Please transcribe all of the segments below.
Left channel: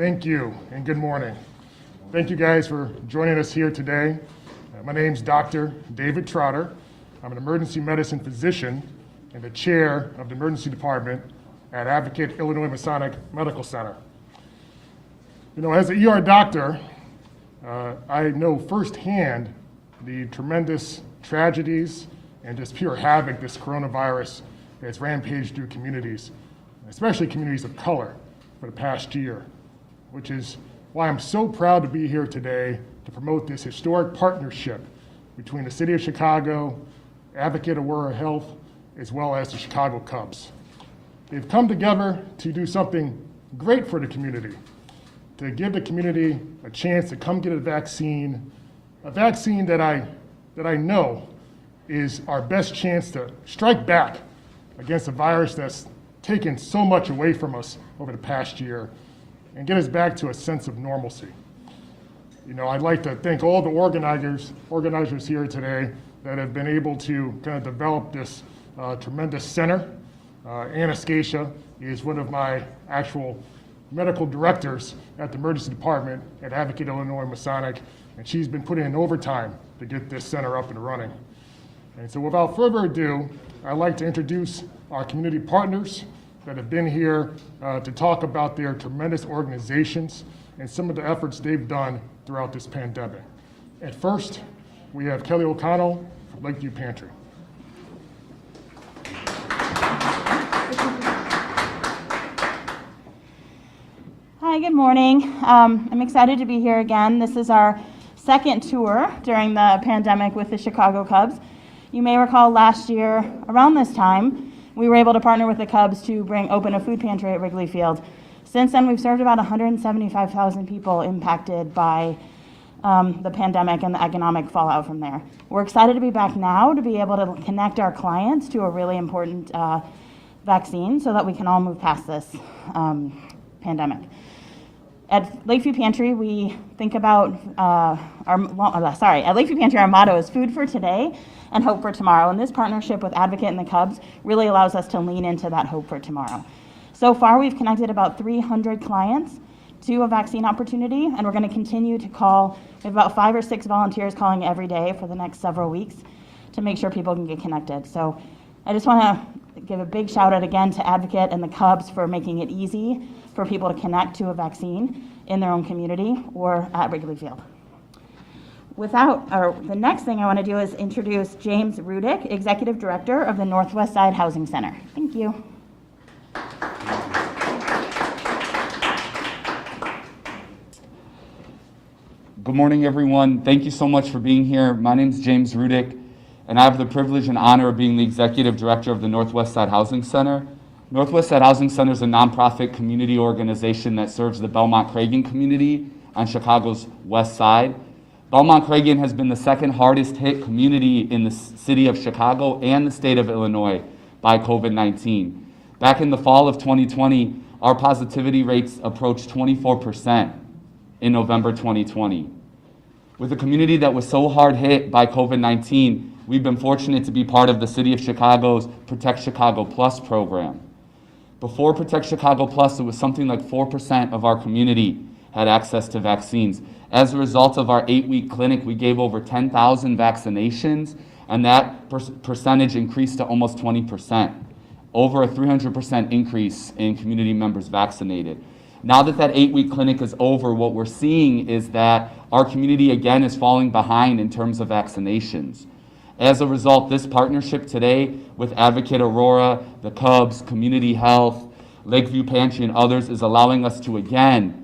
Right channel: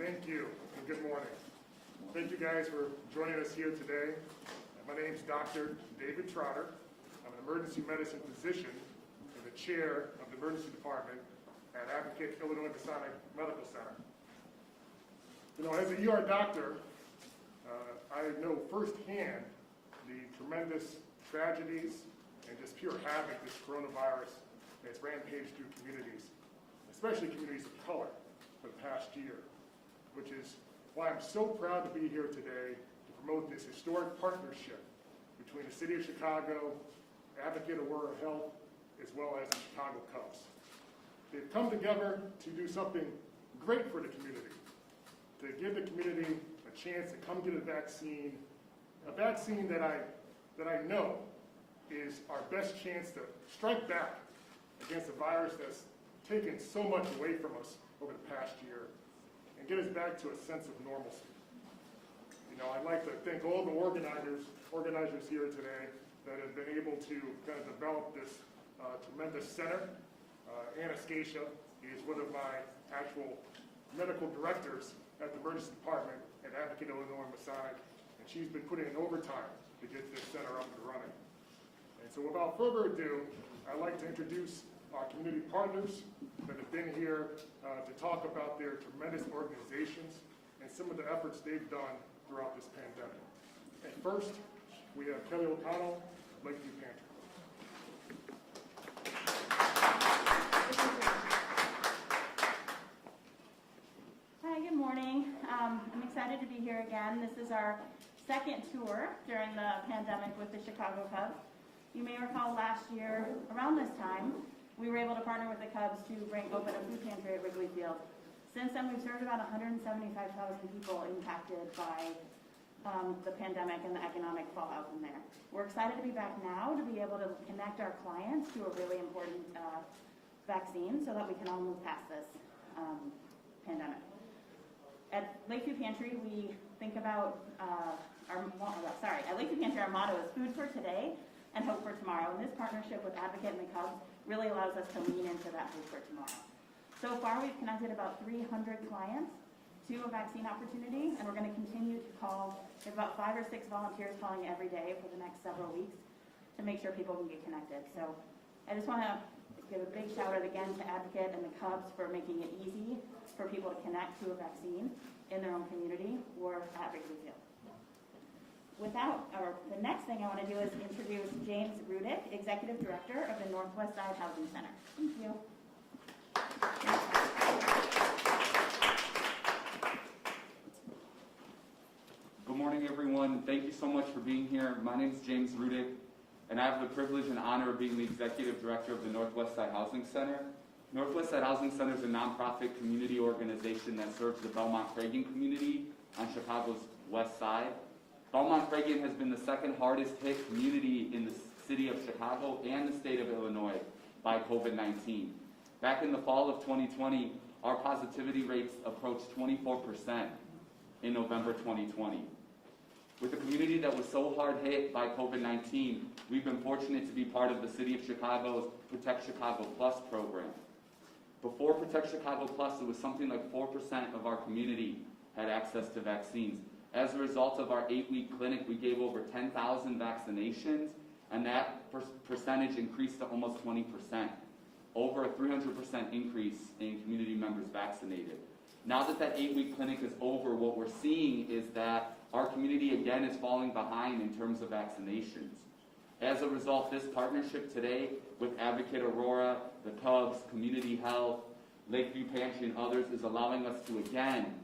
Thank you, and good morning. Thank you guys for joining us here today. My name's Dr. David Trotter. I'm an emergency medicine physician and the chair of the emergency department at Advocate Illinois Masonic Medical Center. You know, as an ER doctor, I know firsthand the tremendous tragedies and just pure havoc this coronavirus has rampaged through communities, especially communities of color, for the past year, which is why I'm so proud to be here today to promote this historic partnership between the City of Chicago, Advocate Aurora Health, as well as the Chicago Cubs. They've come together to do something great for the community, to give the community a chance to come get a vaccine that I know is our best chance to strike back against a virus that's taken so much away from us over the past year and get us back to a sense of normalcy. You know, I'd like to thank all the organizers here today that have been able to kind of develop this tremendous center. Anastasia is one of my actual medical directors at the emergency department at Advocate Illinois Masonic, and she's been putting in overtime to get this center up and running. And so without further ado, I'd like to introduce our community partners that have been here to talk about their tremendous organizations and some of the efforts they've done throughout this pandemic. At first, we have Kelly O'Connell from Lakeview Pantry. Hi, good morning. I'm excited to be here again. This is our second tour during the pandemic with the Chicago Cubs. You may recall last year, around this time, we were able to partner with the Cubs to open a food pantry at Wrigley Field. Since then, we've served about 175,000 people impacted by the pandemic and the economic fallout from there. We're excited to be back now to be able to connect our clients to a really important vaccine so that we can all move past this pandemic. At Lakeview Pantry, we think about at Lakeview Pantry, our motto is food for today and hope for tomorrow. And this partnership with Advocate and the Cubs really allows us to lean into that hope for tomorrow. So far, we've connected about 300 clients to a vaccine opportunity, and we're going to continue to call. We have about 5 or 6 volunteers calling every day for the next several weeks to make sure people can get connected. So I just want to give a big shout out again to Advocate and the Cubs for making it easy for people to connect to a vaccine in their own community or at Wrigley Field. The next thing I want to do is introduce James Rudick, Executive Director of the Northwest Side Housing Center. Thank you. Good morning, everyone. Thank you so much for being here. My name is James Rudick, and I have the privilege and honor of being the Executive Director of the Northwest Side Housing Center. Northwest Side Housing Center is a nonprofit community organization that serves the Belmont-Cragin community on Chicago's west side. Belmont-Cragin has been the second hardest hit community in the city of Chicago and the state of Illinois by COVID-19. Back in the fall of 2020, our positivity rates approached 24% in November 2020. With a community that was so hard hit by COVID-19, we've been fortunate to be part of the City of Chicago's Protect Chicago Plus program. Before Protect Chicago Plus, it was something like 4% of our community had access to vaccines. As a result of our 8-week clinic, we gave over 10,000 vaccinations, and that percentage increased to almost 20%, over a 300% increase in community members vaccinated. Now that 8-week clinic is over, what we're seeing is that our community again is falling behind in terms of vaccinations. As a result, this partnership today with Advocate Aurora, the Cubs, Community Health, Lakeview Pantry, and others is allowing us to again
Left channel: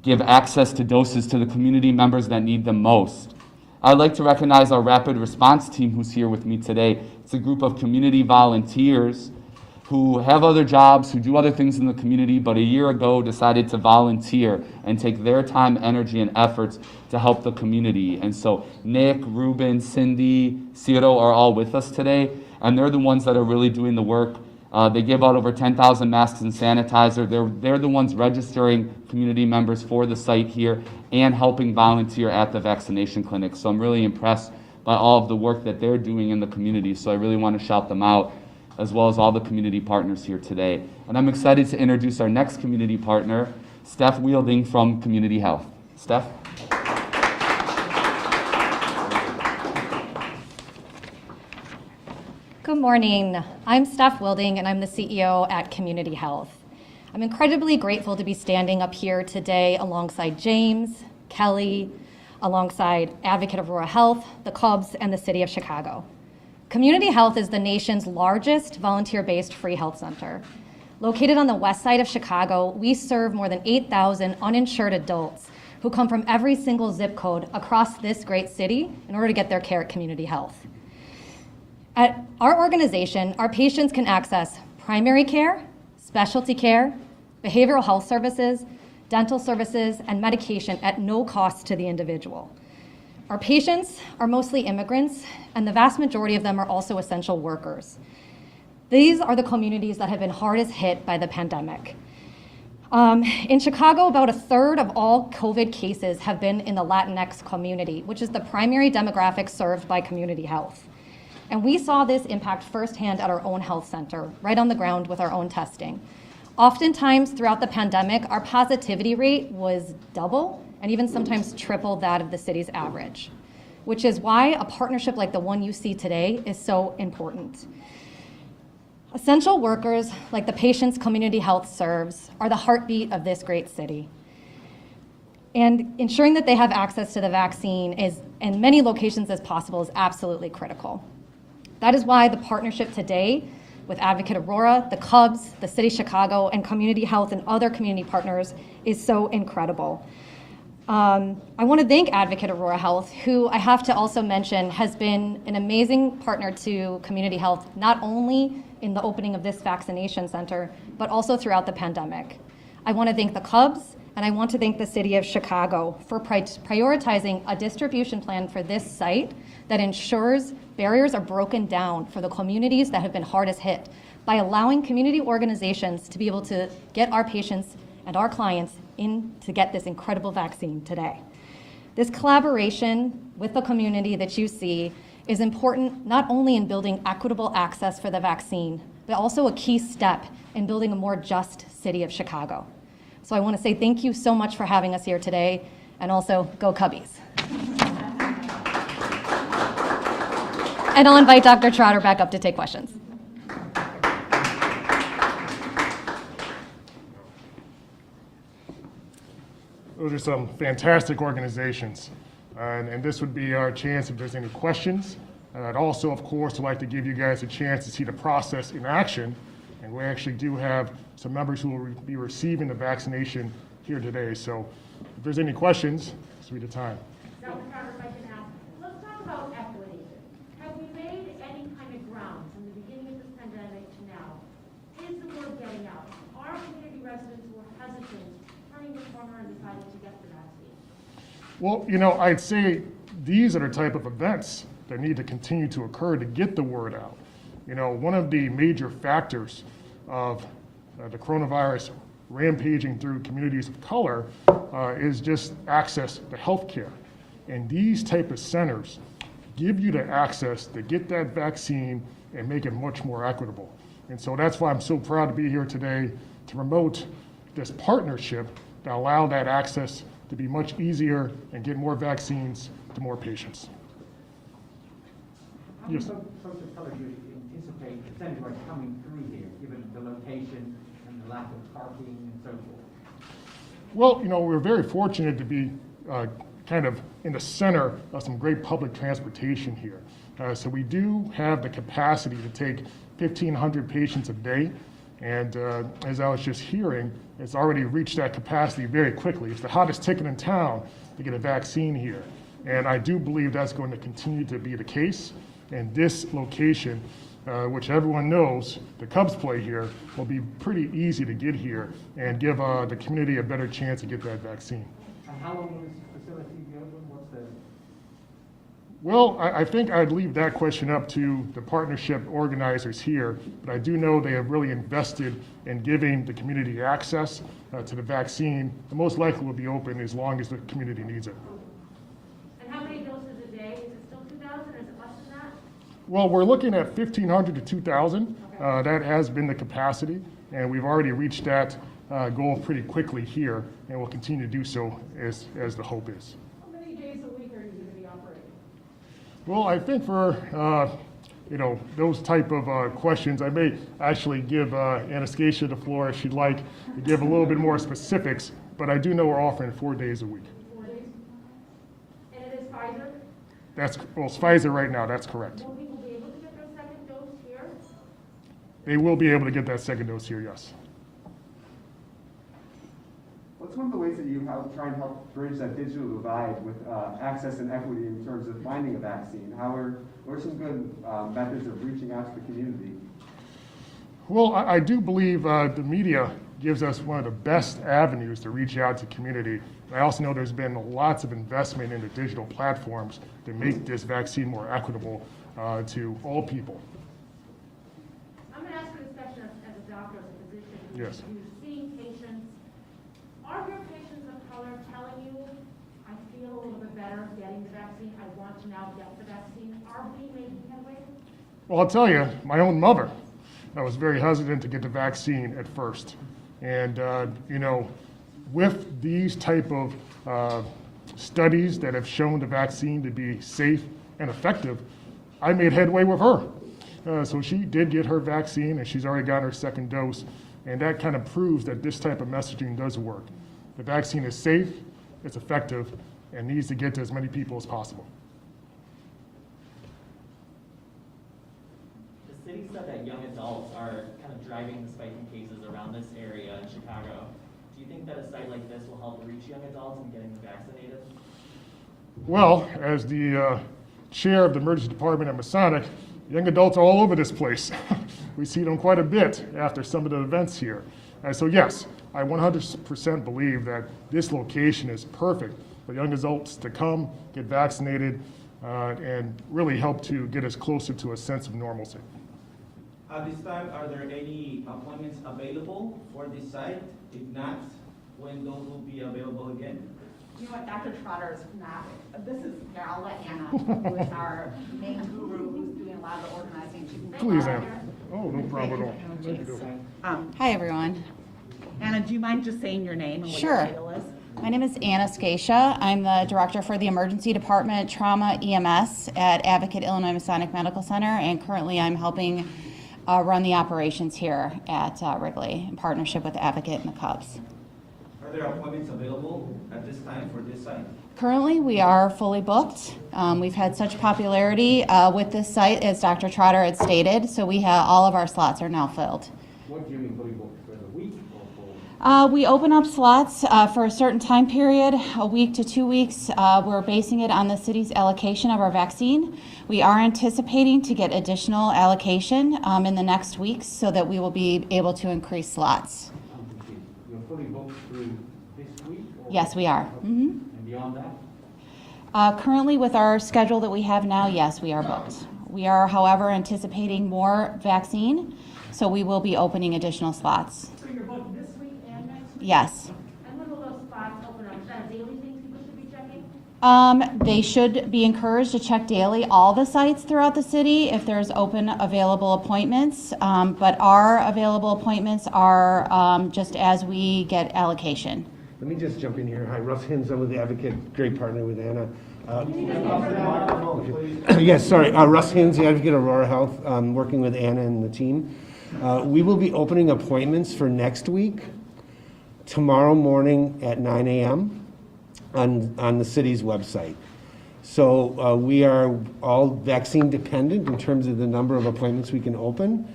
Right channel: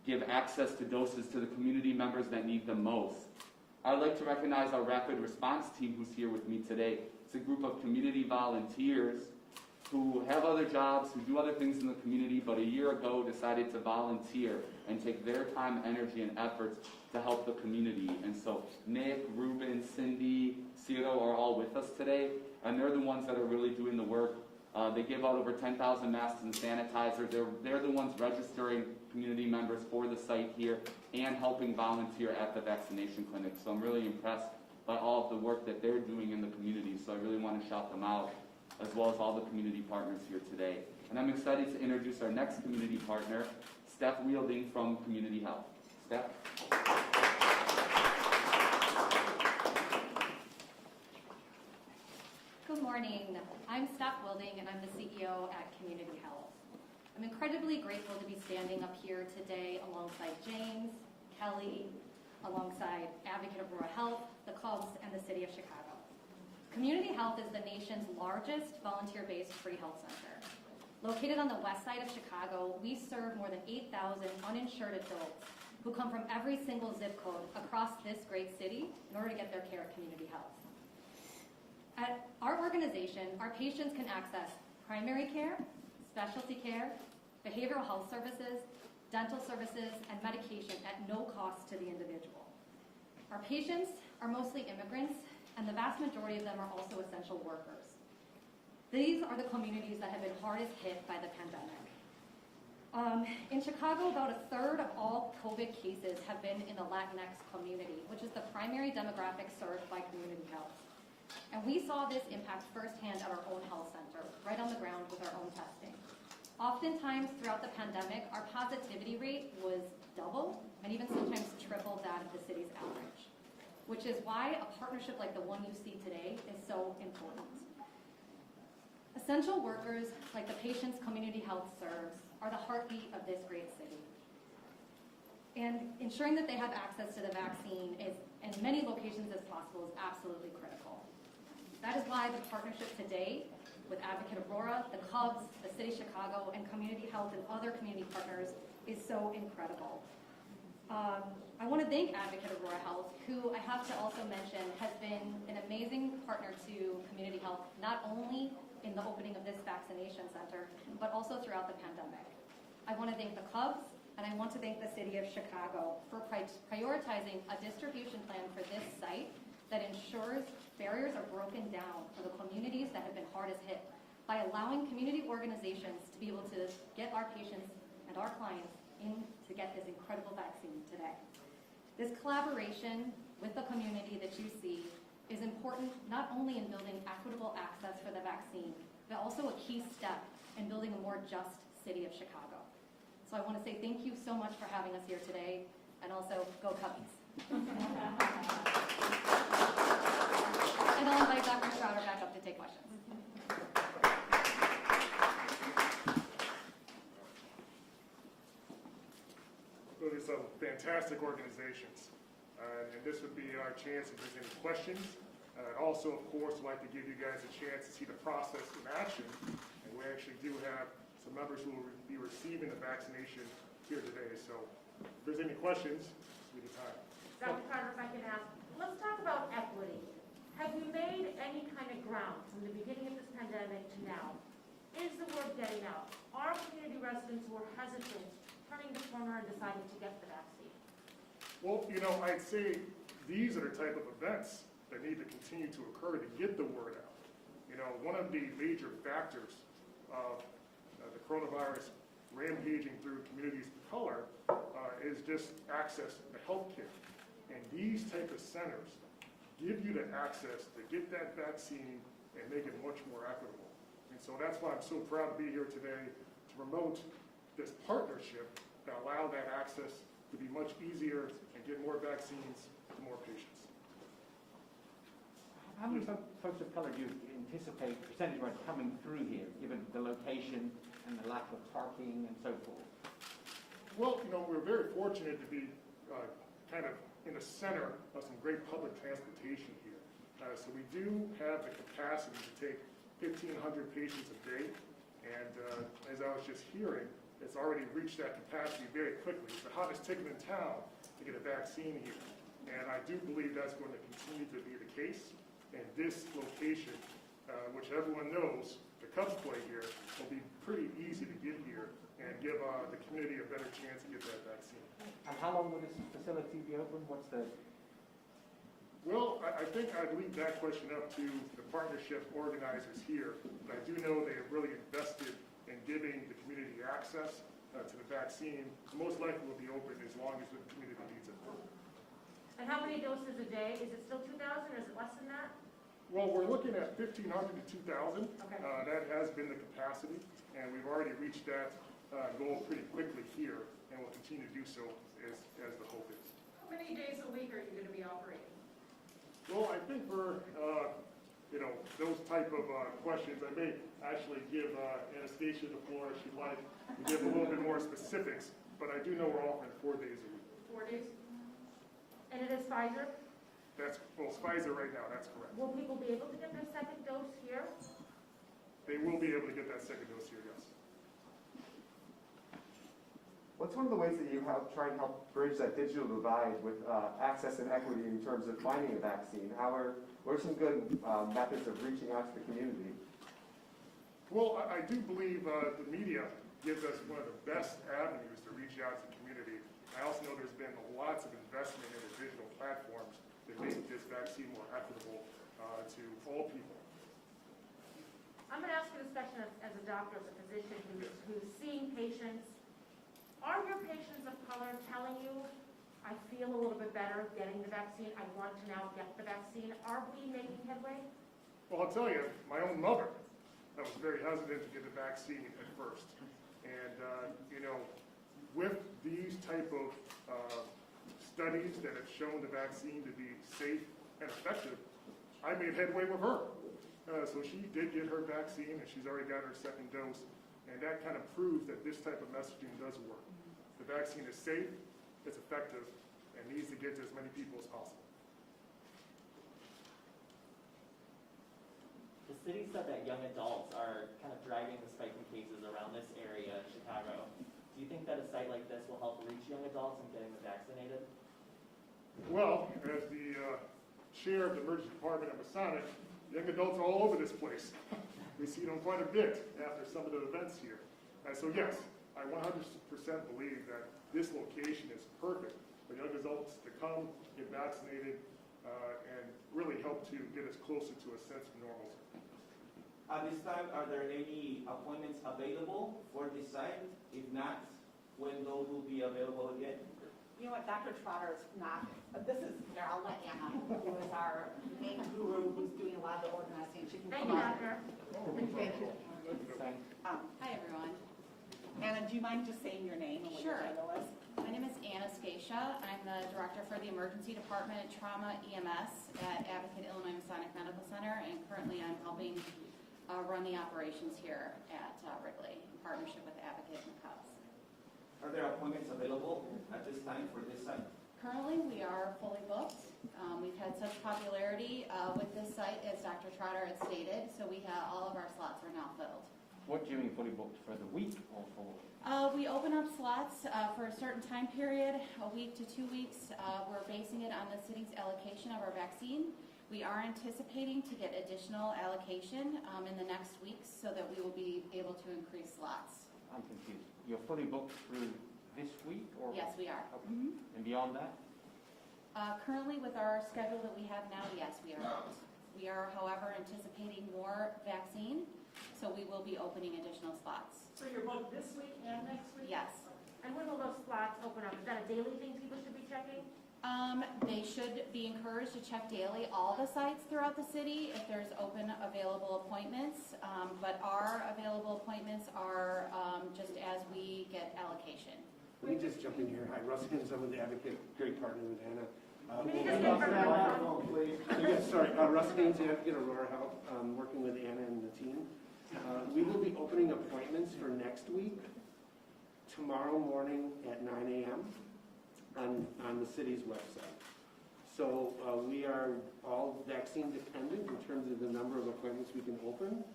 give access to doses to the community members that need them most. I'd like to recognize our rapid response team who's here with me today. It's a group of community volunteers who have other jobs, who do other things in the community, but a year ago decided to volunteer and take their time, energy, and efforts to help the community. And so Nick, Ruben, Cindy, Ciro are all with us today, and they're the ones that are really doing the work. They give out over 10,000 masks and sanitizer. They're the ones registering community members for the site here and helping volunteer at the vaccination clinic. So I'm really impressed by all of the work that they're doing in the community. So I really want to shout them out, as well as all the community partners here today. And I'm excited to introduce our next community partner, Steph Wielding from Community Health. Steph? Good morning. I'm Steph Wilding, and I'm the CEO at Community Health. I'm incredibly grateful to be standing up here today alongside James, Kelly, alongside Advocate Aurora Health, the Cubs, and the City of Chicago. Community Health is the nation's largest volunteer-based free health center. Located on the west side of Chicago, we serve more than 8,000 uninsured adults who come from every single zip code across this great city in order to get their care at Community Health. At our organization, our patients can access primary care, specialty care, behavioral health services, dental services, and medication at no cost to the individual. Our patients are mostly immigrants, and the vast majority of them are also essential workers. These are the communities that have been hardest hit by the pandemic. In Chicago, about a third of all COVID cases have been in the Latinx community, which is the primary demographic served by Community Health. And we saw this impact firsthand at our own health center, right on the ground with our own testing. Oftentimes throughout the pandemic, our positivity rate was double and even sometimes triple that of the city's average, which is why a partnership like the one you see today is so important. Essential workers, like the patients Community Health serves, are the heartbeat of this great city. And ensuring that they have access to the vaccine is, in many locations as possible, is absolutely critical. That is why the partnership today with Advocate Aurora, the Cubs, the City of Chicago, and Community Health and other community partners is so incredible. I want to thank Advocate Aurora Health, who I have to also mention has been an amazing partner to Community Health, not only in the opening of this vaccination center, but also throughout the pandemic. I want to thank the Cubs, and I want to thank the City of Chicago for prioritizing a distribution plan for this site that ensures barriers are broken down for the communities that have been hardest hit by allowing community organizations to be able to get our patients and our clients in to get this incredible vaccine today. This collaboration with the community that you see is important not only in building equitable access for the vaccine, but also a key step in building a more just City of Chicago. So I want to say thank you so much for having us here today, and also go Cubbies. And I'll invite Dr. Trotter back up to take questions. Those are some fantastic organizations. And this would be our chance if there's any questions. And I'd also, of course, like to give you guys a chance to see the process in action. And we actually do have some members who will be receiving the vaccination here today. So if there's any questions, this will be the time. Dr. Carter, if I can ask, let's talk about equity. Have we made any kind of ground from the beginning of this pandemic to now? Is the word getting out? Are community residents who are hesitant turning the corner and deciding to get the vaccine? Well, I'd say these are the type of events that need to continue to occur to get the word out. One of the major factors of the coronavirus rampaging through communities of color is just access to health care. And these type of centers give you the access to get that vaccine and make it much more equitable. And so that's why I'm so proud to be here today to promote this partnership that allow that access to be much easier and get more vaccines to more patients. How many Yes. folks of color do you anticipate percentage-wise coming through here, given the location and the lack of parking and so forth? Well, we're very fortunate to be kind of in the center of some great public transportation here. So we do have the capacity to take 1,500 patients a day. And as I was just hearing, it's already reached that capacity very quickly. It's the hottest ticket in town to get a vaccine here. And I do believe that's going to continue to be the case. And this location, which everyone knows, the Cubs play here, will be pretty easy to get here and give the community a better chance to get that vaccine. And how long will this facility be open? What's the... Well, I think I'd leave that question up to the partnership organizers here, but I do know they have really invested in giving the community access to the vaccine. The most likely will be open as long as the community needs it. And how many doses a day? Is it still 2,000 or is it less than that? Well, we're looking at 1,500 to 2,000. That has been the capacity, and we've already reached that go pretty quickly here, and will continue to do so as the hope is. How many days a week are you gonna be operating? Well, I think for those type of questions, I may actually give Anastasia the floor if she'd like to give a little bit more specifics, but I do know we're offering 4 days a week. 4 days? And it is Pfizer? It's Pfizer right now, that's correct. Will people be able to get their second dose here? They will be able to get that second dose here, yes. What's one of the ways that you try and help bridge that digital divide with access and equity in terms of finding a vaccine? What are some good methods of reaching out to the community? Well, I do believe the media gives us one of the best avenues to reach out to community. I also know there's been lots of investment into digital platforms to make this vaccine more equitable to all people. I'm gonna ask you this question as a doctor, as a physician. Yes. Who's seeing patients. Are your patients of color telling you, I feel a little bit better getting the vaccine, I want to now get the vaccine? Are we making headway? Well, I'll tell you, my own mother, I was very hesitant to get the vaccine at first. And, with these type of studies that have shown the vaccine to be safe and effective, I made headway with her. So she did get her vaccine, and she's already got her second dose. And that kind of proves that this type of messaging does work. The vaccine is safe, it's effective, and needs to get to as many people as possible. The city said that young adults are kind of driving the spike in cases around this area in Chicago. Do you think that a site like this will help reach young adults in getting them vaccinated? Well, as the chair of the emergency department at Masonic, young adults are all over this place. We see them quite a bit after some of the events here. So yes, I 100% believe that this location is perfect for young adults to come, get vaccinated, and really help to get us closer to a sense of normalcy. At this time, are there any appointments available for this site? If not, when those will be available again? You know what, Dr. Trotter is not, this is, here, I'll let Anna, who is our main guru, who's doing a lot of the organizing. She can Please, Anna. Oh, no problem at all. Thank you. Hi, everyone. Anna, do you mind just saying your name and what your Sure. title is? My name is Anastasia. I'm the director for the Emergency Department Trauma EMS at Advocate Illinois Masonic Medical Center, and currently I'm helping run the operations here at Wrigley in partnership with Advocate and the Cubs. Are there appointments available at this time for this site? Currently, we are fully booked. We've had such popularity with this site, as Dr. Trotter had stated, so we have all of our slots are now filled. What do you mean fully booked, for the week or for? We open up slots for a certain time period, a week to 2 weeks. We're basing it on the city's allocation of our vaccine. We are anticipating to get additional allocation in the next weeks so that we will be able to increase slots. I'm confused. You're fully booked through this week? Or Yes, we are. Mhm. And beyond that? Currently, with our schedule that we have now, yes, we are booked. We are, however, anticipating more vaccine, so we will be opening additional slots. So you're booked this week and next week? Yes. And when will those spots open up? Is that a daily thing people should be checking? They should be encouraged to check daily all the sites throughout the city if there's open available appointments. But our available appointments are just as we get allocation. Let me just jump in here. Hi, Russ Hins, I'm with the Advocate, great partner with Anna. Yes, sorry, Russ Hins, the Advocate of Aurora Health, working with Anna and the team. We will be opening appointments for next week, tomorrow morning at 9 a.m. on the city's website. So we are all vaccine dependent in terms of the number of appointments we can open.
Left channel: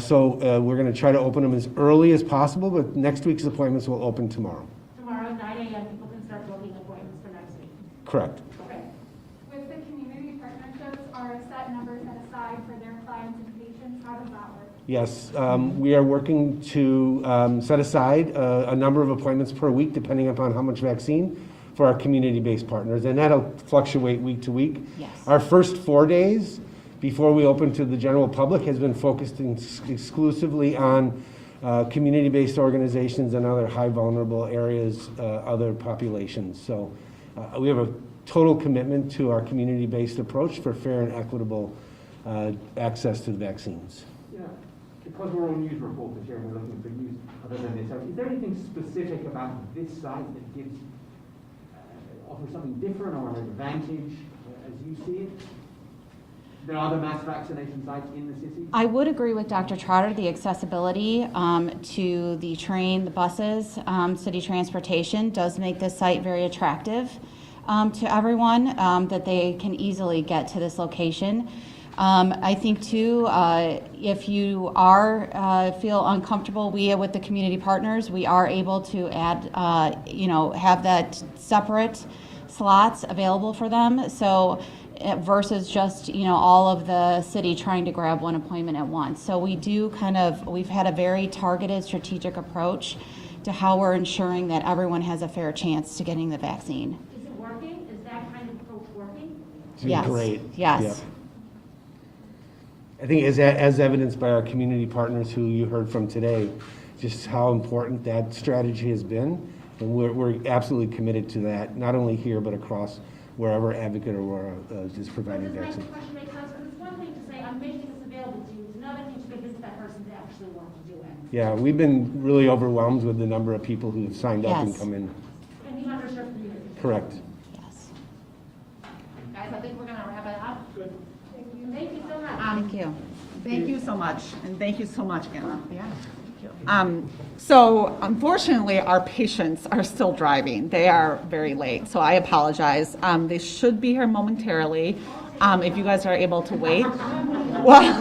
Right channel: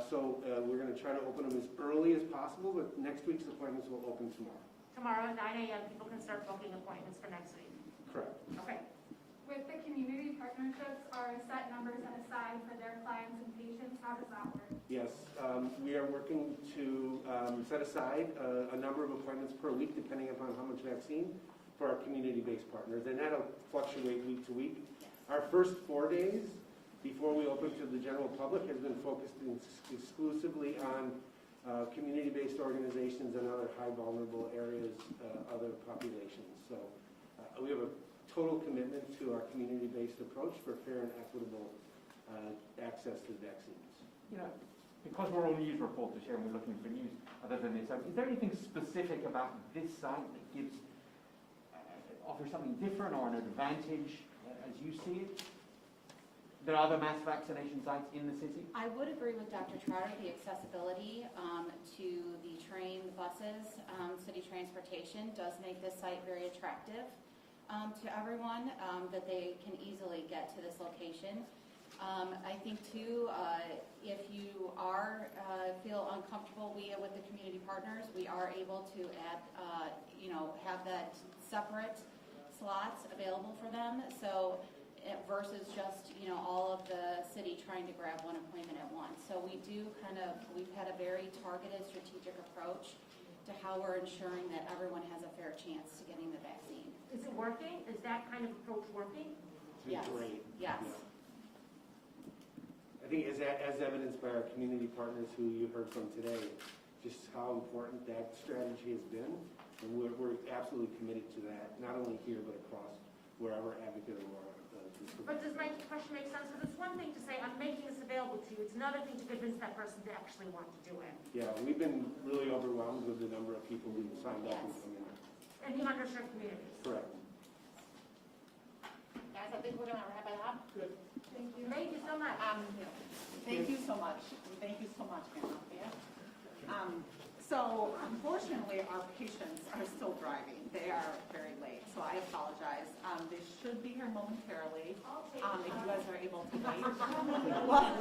So we're going to try to open them as early as possible, but next week's appointments will open tomorrow. Tomorrow at 9 a.m., people can start booking appointments for next week. Correct. Okay. With the community partnerships, are a set number set aside for their clients and patients? How does that work? Yes, we are working to set aside a number of appointments per week, depending upon how much vaccine, for our community-based partners, and that'll fluctuate week to week. Yes. Our first 4 days before we open to the general public has been focused exclusively on community-based organizations and other high vulnerable areas, other populations. So we have a total commitment to our community-based approach for fair and equitable access to the vaccines. You know, because we're on news reporters here and we're looking for news other than this, so is there anything specific about this site that gives, offers something different or an advantage as you see it? There are other mass vaccination sites in the city? I would agree with Dr. Trotter, the accessibility to the train, the buses, city transportation does make this site very attractive to everyone, that they can easily get to this location. I think too, if you are feel uncomfortable, we with the community partners, we are able to add, have that separate slots available for them. So versus just all of the city trying to grab one appointment at once. So we do we've had a very targeted strategic approach to how we're ensuring that everyone has a fair chance to getting the vaccine. Is it working? Is that kind of approach working? It's been Yes. great. Yes. Yep. I think as evidenced by our community partners who you heard from today, just how important that strategy has been. And we're absolutely committed to that, not only here, but across wherever Advocate Aurora is providing Does vaccine. that question make sense? Because it's one thing to say, I'm making this available to you. It's another thing to convince that person to actually want to do it. Yeah, we've been really overwhelmed with the number of people who have signed up and Yes. come in. And the underserved community. Correct. Yes. Guys, I think we're gonna wrap it up. Good. Thank you so much. Thank you. Thank you so much, and thank you so much, Anna. Yeah. So unfortunately, our patients are still driving. They are very late, so I apologize. They should be here momentarily, if you guys are able to wait. Well,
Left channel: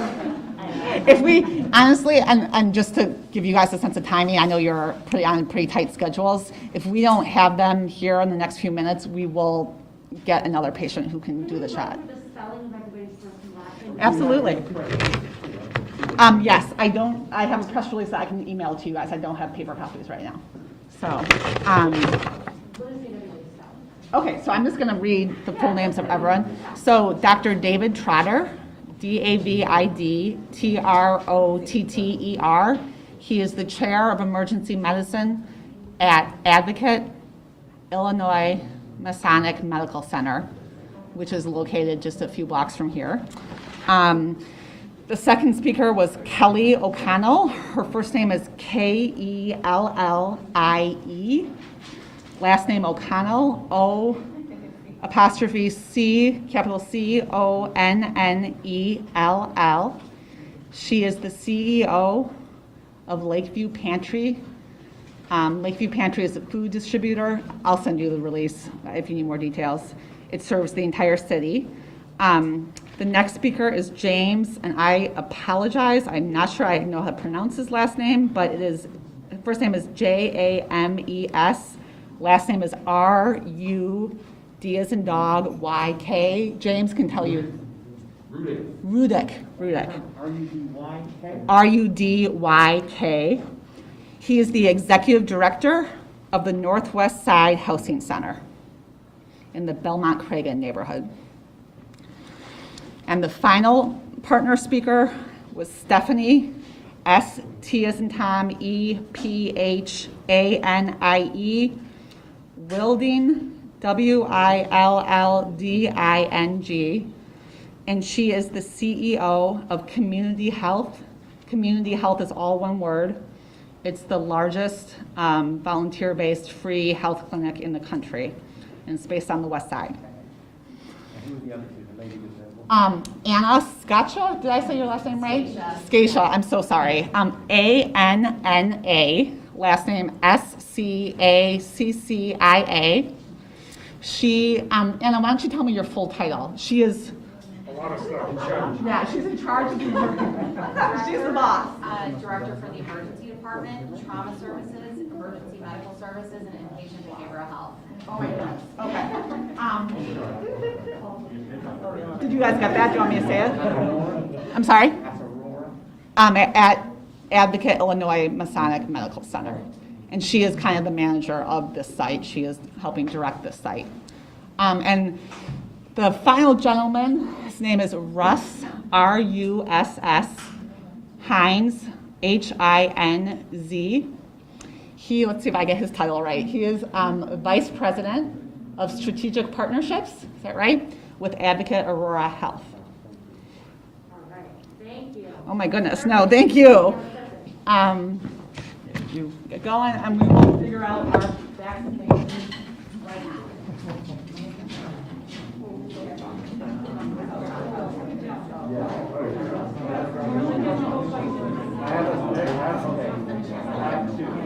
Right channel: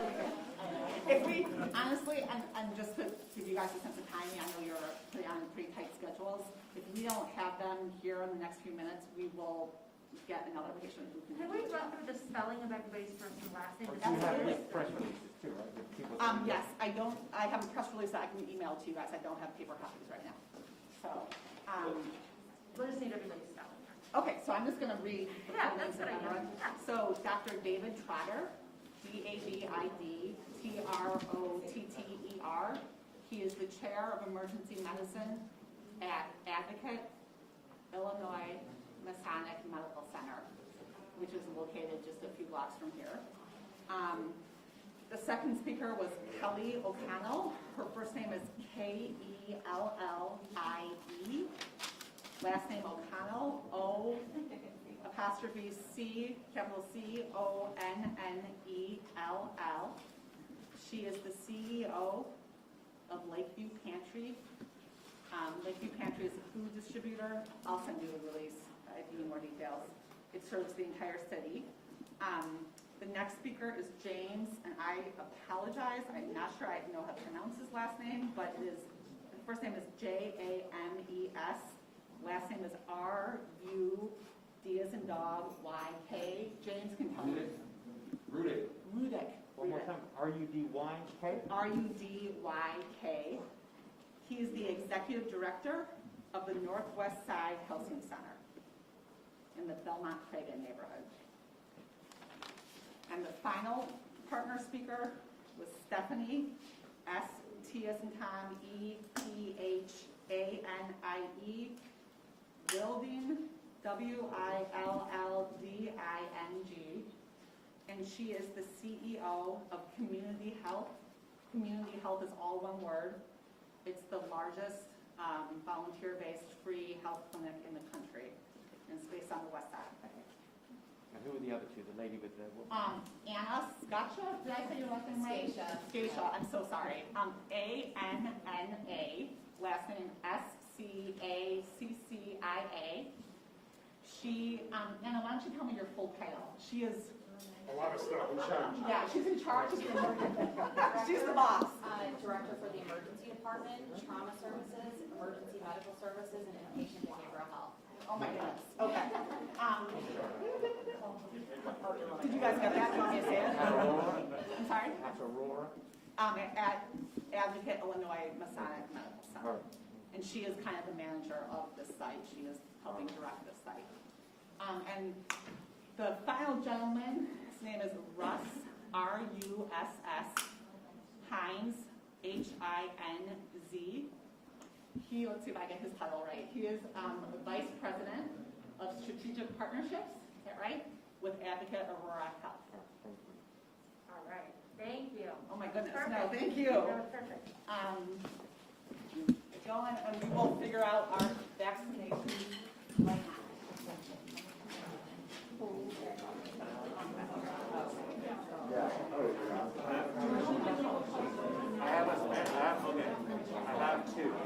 if we, honestly, and just to give you guys a sense of timing, I know you're on pretty tight schedules. If we don't have them here in the next few minutes, we will get another patient who can do the shot. The spelling of everybody's first and last name. Absolutely. Yes, I have a press release that I can email to you guys. I don't have paper copies right now. So, What is the everybody's spelling? okay, so I'm just going to read the full names of everyone. So Dr. David Trotter, David Trotter. He is the chair of emergency medicine at Advocate, Illinois Masonic Medical Center, which is located just a few blocks from here. The second speaker was Kelly O'Connell. Her first name is Kellie. Last name O'Connell, O''C, capital CONNELL. She is the CEO of Lakeview Pantry. Lakeview Pantry is a food distributor. I'll send you the release if you need more details. It serves the entire city. The next speaker is James, and I apologize. I'm not sure I know how to pronounce his last name, but his first name is James. Last name is RUD as in dog, YK. James can tell you. Rudick. RUDYK. He is the executive director of the Northwest Side Housing Center in the Belmont-Cragen neighborhood. And the final partner speaker was Stephanie, S-T as in Tom, E-P-H-A-N-I-E, Wilding, W-I-L-L-D-I-N-G, and she is the CEO of Community Health. Community Health is all one word. It's the largest volunteer-based free health clinic in the country, and it's based on the West Side. And who are the other two? The lady with the... Anna Scacha, did I say your last name right? Scacha, I'm so sorry. A-N-N-A, last name S-C-A-C-C-I-A. She, Anna, why don't you tell me your full title? She is... A lot of stuff. In charge. Yeah, she's in charge of the she's the boss. Director for the emergency department, trauma services, emergency medical services, and inpatient behavioral health. Oh my goodness, okay. Did you guys get that? Do you want me to say it? I'm sorry? At Advocate, Illinois Masonic Medical Center. And she is kind of the manager of this site. She is helping direct this site. And the final gentleman, his name is Russ, R-U-S-S, Hines, H-I-N-Z. Let's see if I get his title right. He is Vice President of Strategic Partnerships, is that right? With Advocate Aurora Health. All right, thank you. Oh my goodness, no, thank you. You get going and we will figure out our vaccinations right now. I have two.